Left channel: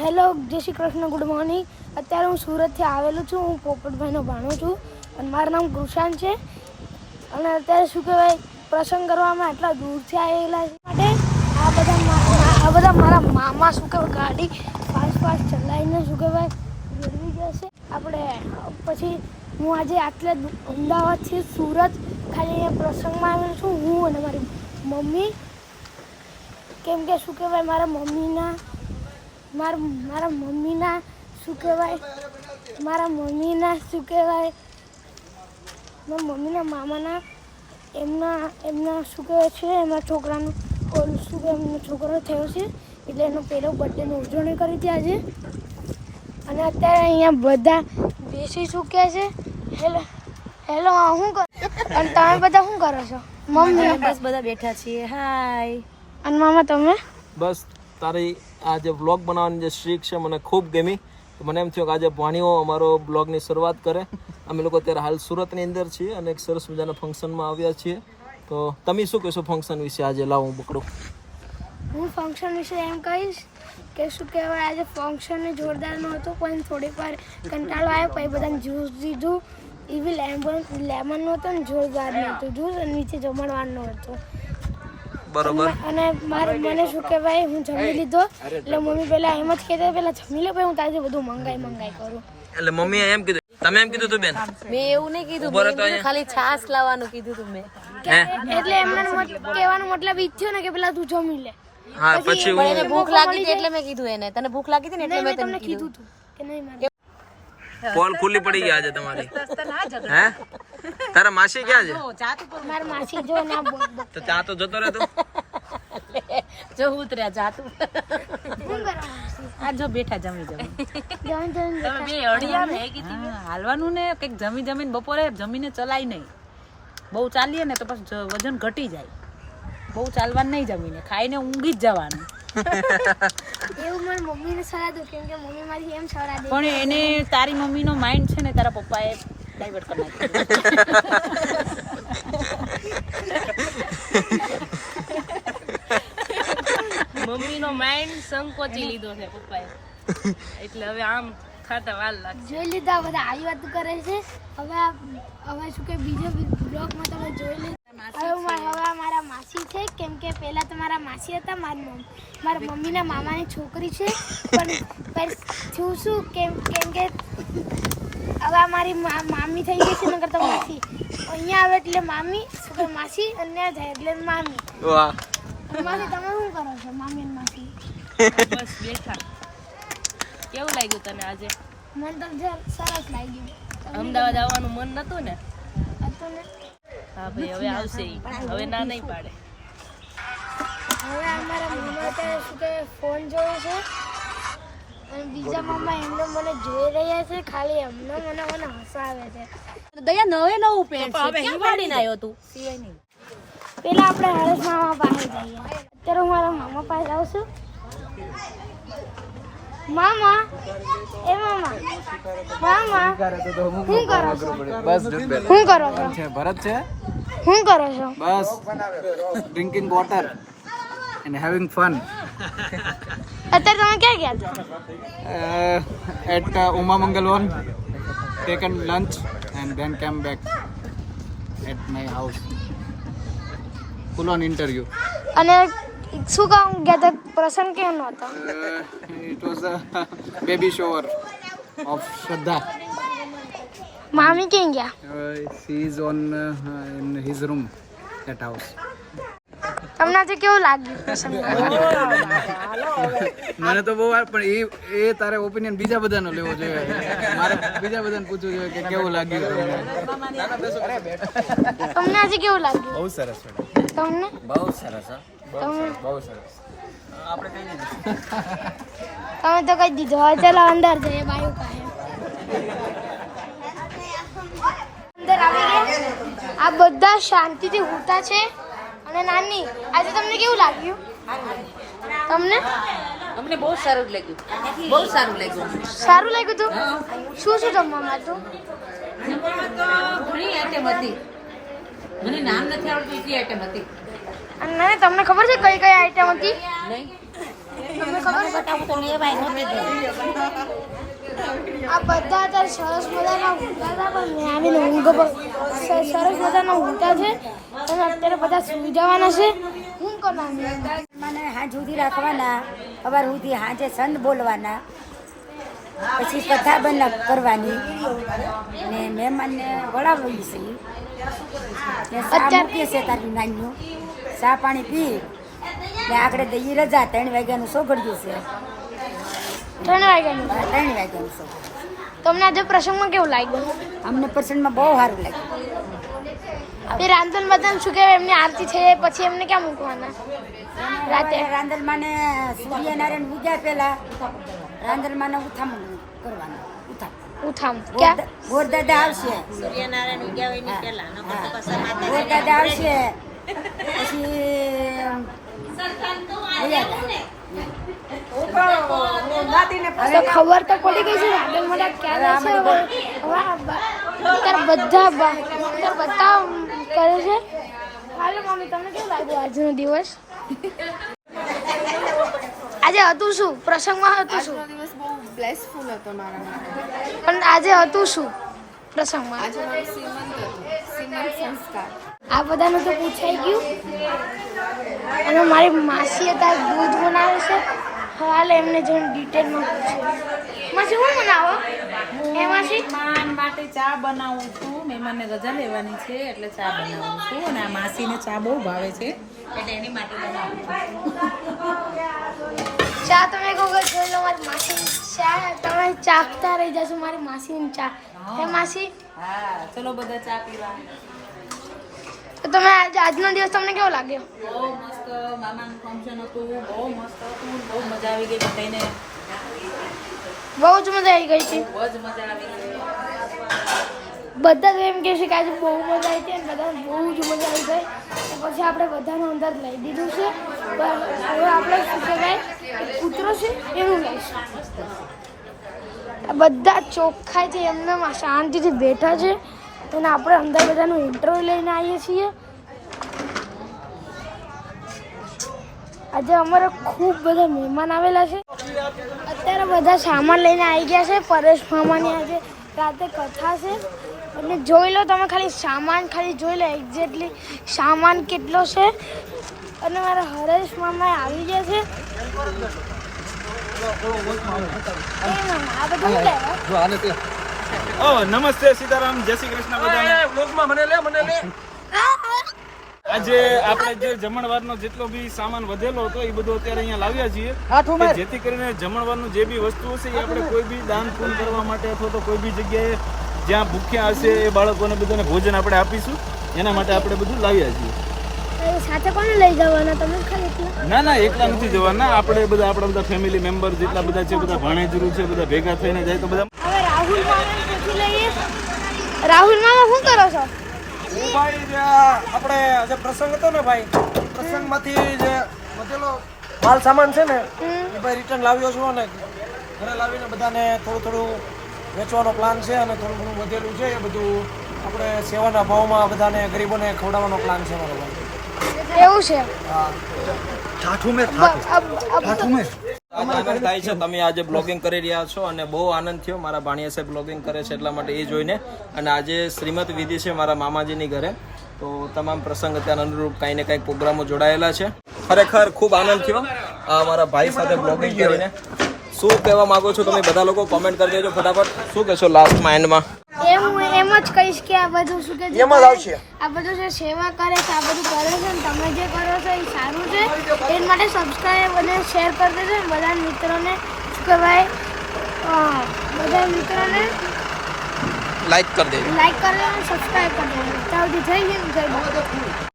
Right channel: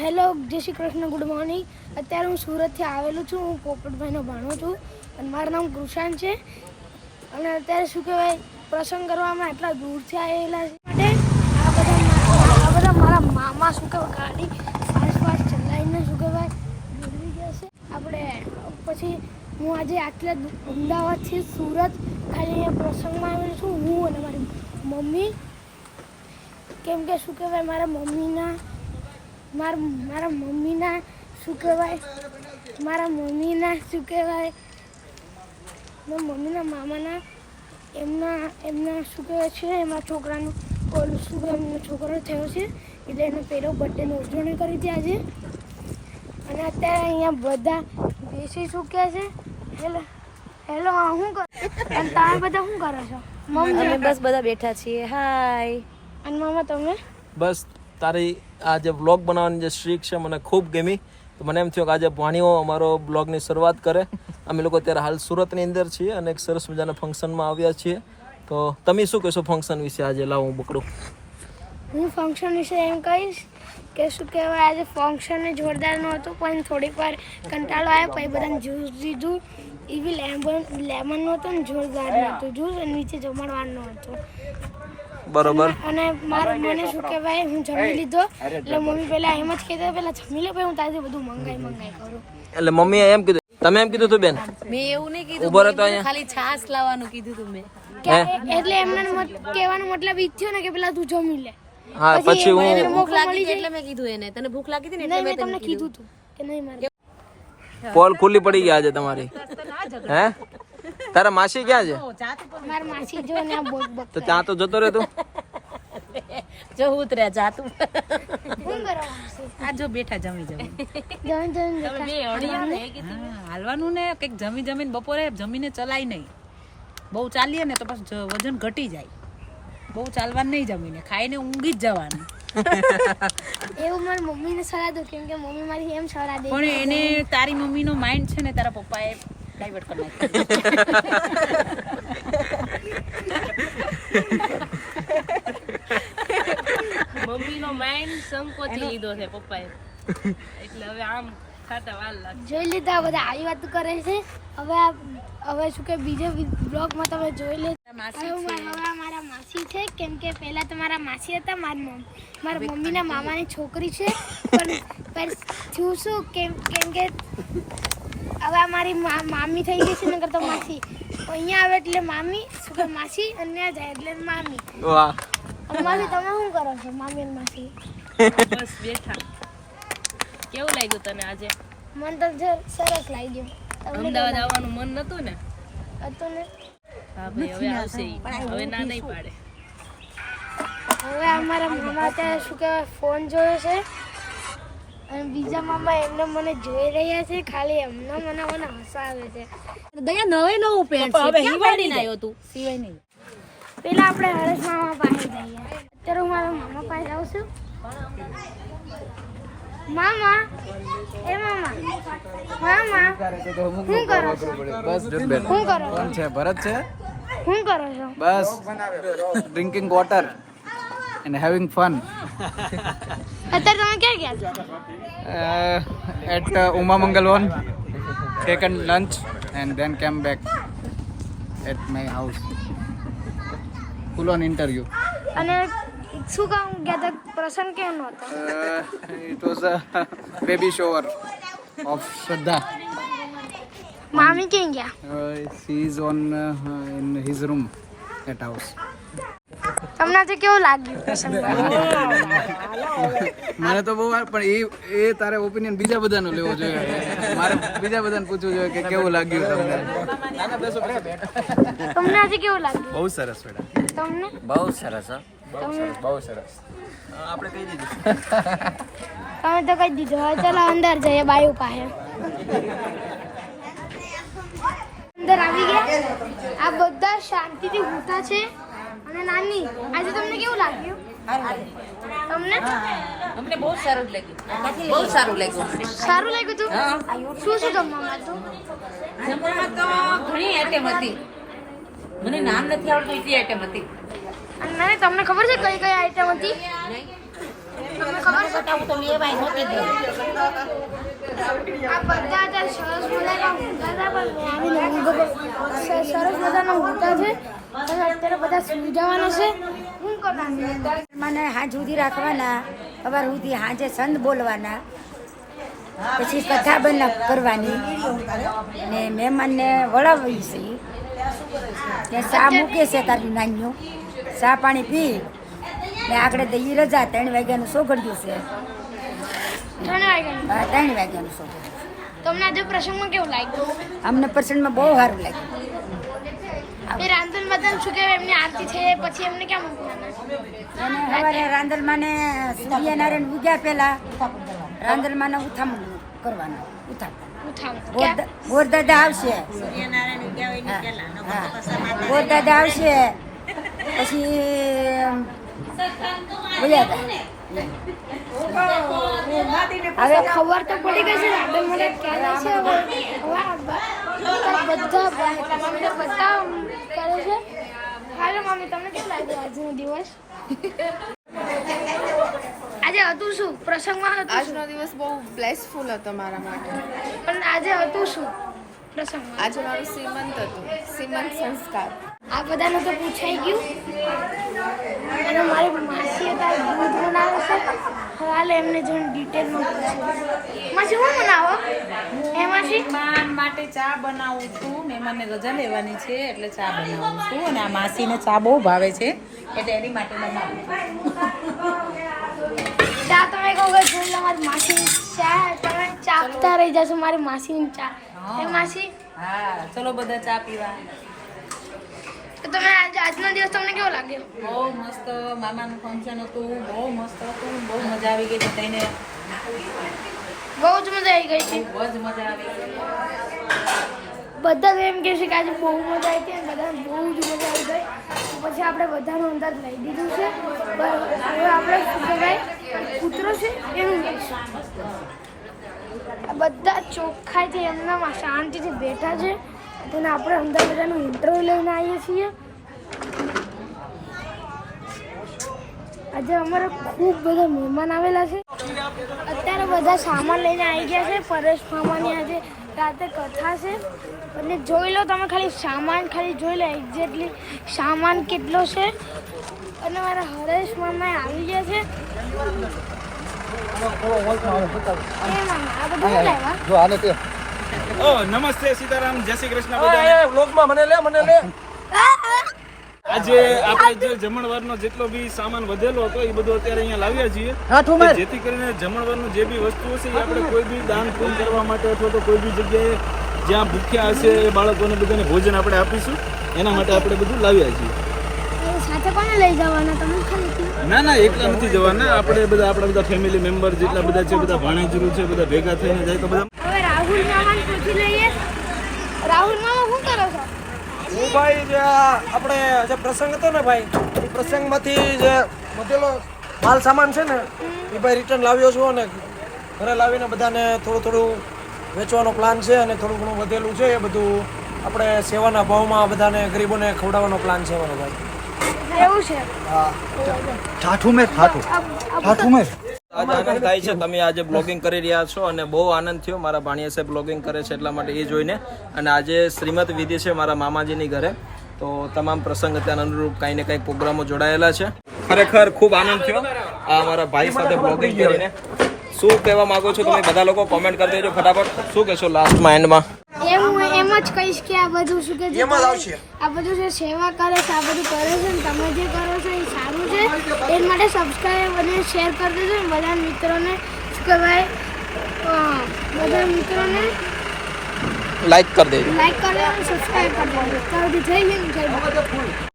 Hello, જય Shri Krishna, good morning. અત્યારે હું સુરતથી આવેલું છું. હું પોપટભાઈનો ભાણો છું અને મારું નામ કૃષાન છે. અને અત્યારે શું કહેવાય, પ્રસંગ કરવામાં એટલા દૂરથી આવેલા માટે આ બધા મારા મામા શું કહેવાય ગાડી ફાસ્ટ ચલાવીને શું કહેવાય મેળવી ગયા છે. આપણે પછી હું આજે આટલા અમદાવાદથી સુરત ખાલી અહીંયા પ્રસંગમાં આવેલું છું, હું અને મારી મમ્મી. કેમ કે શું કહેવાય મારા મમ્મીના શું કહેવાય મામાના એમના શું કહેવાય છે એમના છોકરાનો છોકરો થયો છે, એટલે એનો પહેલો બર્થડેની ઉજવણી કરી હતી આજે. અને અત્યારે અહીંયા બધા બેસી ચૂક્યા છે. હેલો શું કરો અને તમે બધા શું કરો છો? મમ્મી બસ બધા બેઠા છીએ. હાય. અને મામા તમે? બસ તારી આ જે વ્લોગ બનાવવાની જે સ્ટ્રીક છે મને ખૂબ ગમી. તો મને એમ થયું કે આજે ભાણીઓ અમારો બ્લોગની શરૂઆત કરે. અમે લોકો અત્યારે હાલ સુરતની અંદર છીએ અને એક સરસ મજાના ફંક્શનમાં આવ્યા છીએ. તો તમે શું કહેશો ફંક્શન વિશે? આજે લાવો હું પકડું. હું ફંક્શન વિશે એમ કહીશ કે શું કહેવાય આજે ફંક્શન જોરદાર નહોતું, પણ થોડીક વાર કંટાળો આવ્યો. પછી બધાને જ્યુસ દીધું. એવી લેમન નહોતું ને જોરદાર નહોતું જ્યુસ, અને નીચે જમણવાર નહોતું. બરોબર. અને મને શું કહેવાય હું જમી લીધો. એટલે મમ્મી પહેલા એમ જ કહેતા પહેલા જમી લે, પછી હું તારે બધું મંગાઈ કરું. એટલે મમ્મીએ એમ કીધું, તમે એમ કીધું તું બેન? મેં એવું નહીં કીધું, ખાલી છાસ લાવવાનું કીધું તું મેં. એટલે એમને કહેવાનો મતલબ ઈ થયો ને કે પેલા તું જમી લે. હા, પછી હું ભૂખ લાગી હતી એટલે મેં કીધું એને. તને ભૂખ લાગી હતી ને એટલે મેં તમને કીધું તું કે નહીં મારે. પોલ ખુલ્લી પડી ગયા આજે તમારી. હે તારા માસી ક્યાં છે? મારી માસી જો ને તો ત્યાં તો જતો રહે તું. જો ઉતર્યા જાતું. શું કરવા આ જો બેઠા જમી હાલવાનું ને કંઈક જમીને બપોરે જમીને ચલાય નહીં. બહુ ચાલીએ ને તો પછી વજન ઘટી જાય. બહુ ચાલવાનું નહીં, જમીને ખાઈને ઊંઘી જ જવાનું. એવું મારી મમ્મીને સલાહ દો, કેમ કે મમ્મી મારી એમ સલાહ દે. પણ એને તારી મમ્મીનો માઇન્ડ છે ને તારા પપ્પાએ ડાયવર્ટ કરી નાખ્યો. મમ્મીનો માઇન્ડ સંકોચી લીધો છે પપ્પાએ, એટલે હવે આમ ખાતા વાર લાગે. જોઈ લીધા બધા આવી વાત કરે છે. હવે શું કે બીજા બ્લોગમાં તમે જોઈ લે. હવે મારા માસી છે, કેમ કે પહેલા તો મારા માસી હતા. મારા મમ્મીના મામાની છોકરી છે, પણ થયું શું કેમ કે હવે મારી મામી થઈ ગઈ છે. નકર તો માસી અહીંયા આવે એટલે મામી, શું કે માસી, અને જાય એટલે મામી. વાહ. માસી તમે શું કરો છો? મામી અને માસી બસ બેઠા. કેવું લાગ્યું તને આજે? મને તો સરસ લાગ્યું. અમદાવાદ આવવાનું મન નતું ને? હતું ને. હા ભાઈ, હવે આવશે ઈ. હવે ના નહીં પાડે. હવે અમારા મામા અત્યારે શું કહેવાય ફોન જોયો છે, અને બીજા મામા એમને મને જોઈ રહ્યા છે. ખાલી એમને મને હસાવે છે. દયા નવું પેન્ટ છે, ક્યાં પાડીને આવ્યો તું? સિવાય નહીં. પેલા આપણે હરેશ મામા પાસે જઈએ. અત્યારે હું મારા મામા પાસે આવું છું. મામા, એ મામા શું કરો છો? બસ શું કરો છો? કોણ છે? ભરત છે. શું કરો છો? બસ drinking water and having fun. અત્યારે તમે ક્યાં ગયા છો? At Uma Mangalvan, taken lunch and then came back at my house. Full on interview. અને શું કામ ગયા હતા? પ્રસંગ કેમ હતો? It was a baby shower of Shraddha. મામી ક્યાં ગયા? He is on in his room at house. તમને આજે કેવું લાગ્યું પ્રસંગ? મને તો બહુ પણ એ તારે ઓપિનિયન બીજા બધાનો લેવો જોઈએ. મારે બીજા બધાને પૂછવું જોઈએ કે કેવું લાગ્યું તમને. તમને આજે કેવું લાગ્યું? બહુ સરસ બેટા. તમને? બહુ સરસ. બહુ સરસ. આપણે કહી દીધું. તમે તો કહી દીધું. હવે ચાલો અંદર જઈએ બાયુ પાસે. અંદર આવી ગયા. આ બધા શાંતિથી ઊઠા છે. અને નાની, આજે તમને કેવું લાગ્યું? તમને? મને બહુ સારું લાગ્યું. બહુ સારું લાગ્યું. સારું લાગ્યું તું? શું જમવામાં હતું? જમવામાં તો ઘણી આઈટમ હતી. મને નામ નથી આવડતું એટલી આઈટમ હતી. અને તમને ખબર છે કઈ કઈ આઈટમ હતી? નહીં. બતાવું તો લેવાય નહોતી ગઈ. આ બધા અત્યારે સરસ મજાના ઊંઘતા હતા પણ આવીને સરસ મજાના ઊંઘતા છે અને અત્યારે બધા સુઈ જવાના છે. શું કરવાનું? મને હાંજ સુધી રાખવાના, સવાર સુધી હાંજે સંત બોલવાના, પછી કથા બના કરવાની ને મહેમાનને વળાવવી છે ને ચા મૂકે છે તારી નાનીઓ, ચા પાણી પી ને આગળ દઈ રજા 3 વાગ્યાનું સોગડ્યું છે. 3 વાગ્યાનું. 3 વાગ્યાનું સોગડ્યું. તમને આજે પ્રસંગમાં કેવું લાગ્યું? અમને પર્સનમાં બહુ સારું લાગ્યું. એ રાંધણ બધાને શું કહેવાય એમની આરતી થઈ જાય પછી એમને ક્યાં મૂકવાના? એને સવારે રાંદલમાને સૂર્યનારાયણ ઉગ્યા પહેલા રાંદલમાને ઉથામણ કરવાનું. ઉઠામ ગોરદાદા આવશે, હા ગોરદાદા આવશે પછી બોલ્યા હવે ખબર તો પડી ગઈ છે રાંધણ બધા ક્યારે છે. હવે બધા કરે છે. હાલો મમ્મી, તમને કેવું લાગ્યું આજનો દિવસ? આજે હતું શું પ્રસંગમાં? હતું શું? આજનો દિવસ બહુ બ્લેસફુલ હતો મારા માટે. પણ આજે હતું શું પ્રસંગમાં? આજે મારું સીમંત હતું, સીમંત સંસ્કાર. આ બધાનું તો પૂછાઈ ગયું. અને મારી માસી અત્યારે દૂધ બનાવે છે. હાલ એમને જોઈને ડિટેલમાં પૂછે. માસી શું બનાવો? એ માસી મહેમાન માટે ચા બનાવું છું. મહેમાનને રજા લેવાની છે એટલે ચા બનાવું છું. અને આ માસીને ચા બહુ ભાવે છે એટલે એની માટે બનાવું છું. ચા તમે કહો કે જોઈ લો મારી માસી ચા, તમે ચાખતા રહી જશો મારી માસીની ચા. એ માસી હા, ચલો બધા ચા પીવા. તો તમે આજનો દિવસ તમને કેવો લાગ્યો? બહુ મસ્ત મામાનું ફંક્શન હતું, બહુ મસ્ત હતું, બહુ મજા આવી ગઈ બધાને, બહુ જ મજા આવી ગઈ છે. બહુ જ મજા આવી ગઈ. બધા તો એમ કહે છે કે આજે બહુ મજા આવી હતી અને બધાને બહુ જ મજા આવી ગઈ. તો પછી આપણે બધાનું અંદર લઈ દીધું છે. પણ હવે આપણે શું કહેવાય કૂતરો છે એવું લઈશું. બધા ચોખ્ખાઈથી એમને શાંતિથી બેઠા છે અને આપણે અંદર બધાનું ઇન્ટરવ્યુ લઈને આવીએ છીએ. આજે અમારે ખૂબ બધા મહેમાન આવેલા છે. અત્યારે બધા સામાન લઈને આવી ગયા છે. પરેશ મામાની આજે રાતે કથા છે એટલે જોઈ લો તમે, ખાલી સામાન ખાલી જોઈ લો એક્ઝેક્ટલી સામાન કેટલો છે. અને મારા હરેશ મામા આવી ગયા છે. એ મામા આ બધું શું લાવ્યા? નમસ્તે સીતારામ, જય શ્રી કૃષ્ણ બધાને. વ્લોગમાં મને લે આજે આપણે જે જમણવારનો જેટલો બી સામાન વધેલો હતો એ બધું અત્યારે અહીંયા લાવ્યા છીએ કે જેથી કરીને જમણવારનું જે બી વસ્તુ હશે એ આપણે કોઈ બી દાન પૂન કરવા માટે અથવા તો કોઈ બી જગ્યાએ જ્યાં ભૂખ્યા હશે એ બાળકોને બધાને ભોજન આપણે આપીશું એના માટે આપણે બધું લાવ્યા છીએ. સાથે કોને લઈ જવાના તમે? ખાલી એકલા? ના એકલા નથી જવાના, આપણે બધા આપણા બધા ફેમિલી મેમ્બર જેટલા બધા છે બધા ભાણેજરું છે બધા ભેગા થઈને જાય તો બધા. હવે રાહુલ મામાને પૂછી લઈએ. રાહુલ મામા શું કરો છો? હું ભાઈ જે આપણે જે પ્રસંગ હતો ને ભાઈ, એ પ્રસંગમાંથી જે વધેલો માલ સામાન છે ને એ ભાઈ રિટર્ન લાવ્યો છું અને ઘરે લાવીને બધાને થોડું વેચવાનો પ્લાન છે અને થોડું ઘણું વધેલું છે એ બધું આપણે સેવાના ભાવમાં બધાને ગરીબોને ખવડાવવાનો પ્લાન છે મારો ભાઈ. એવું છે? હા. આજ આનંદ થાય છે તમે આજે બ્લોગિંગ કરી રહ્યા છો અને બહુ આનંદ થયો. મારા ભાણિયા સાહેબ બ્લોગિંગ કરે છે એટલા માટે એ જોઈને. અને આજે શ્રીમત વિધિ છે મારા મામાજીની ઘરે, તો તમામ પ્રસંગ અત્યારે અનુરૂપ કાંઈ ને કાંઈ પ્રોગ્રામો જોડાયેલા છે. ખરેખર ખૂબ આનંદ થયો આ મારા ભાઈ સાથે બ્લોગિંગ કરીને. શું કહેવા માંગો છો તમે બધા લોકો? કોમેન્ટ કરી દેજો ફટાફટ. શું કહેશો લાસ્ટમાં એન્ડમાં? હું એમ જ કહીશ કે આ બધું શું કે આ બધું જે સેવા કરે છે, આ બધું કરે છે ને તમે જે કરો છો એ સારું છે. એ માટે સબસ્ક્રાઈબ અને શેર કરી દેજો. બધા મિત્રોને શું કહેવાય બધા મિત્રોને લાઈક કરી દેજો. લાઈક કરી દેજો અને સબસ્ક્રાઈબ કરી દેજો. ત્યાં સુધી થઈ ગયું.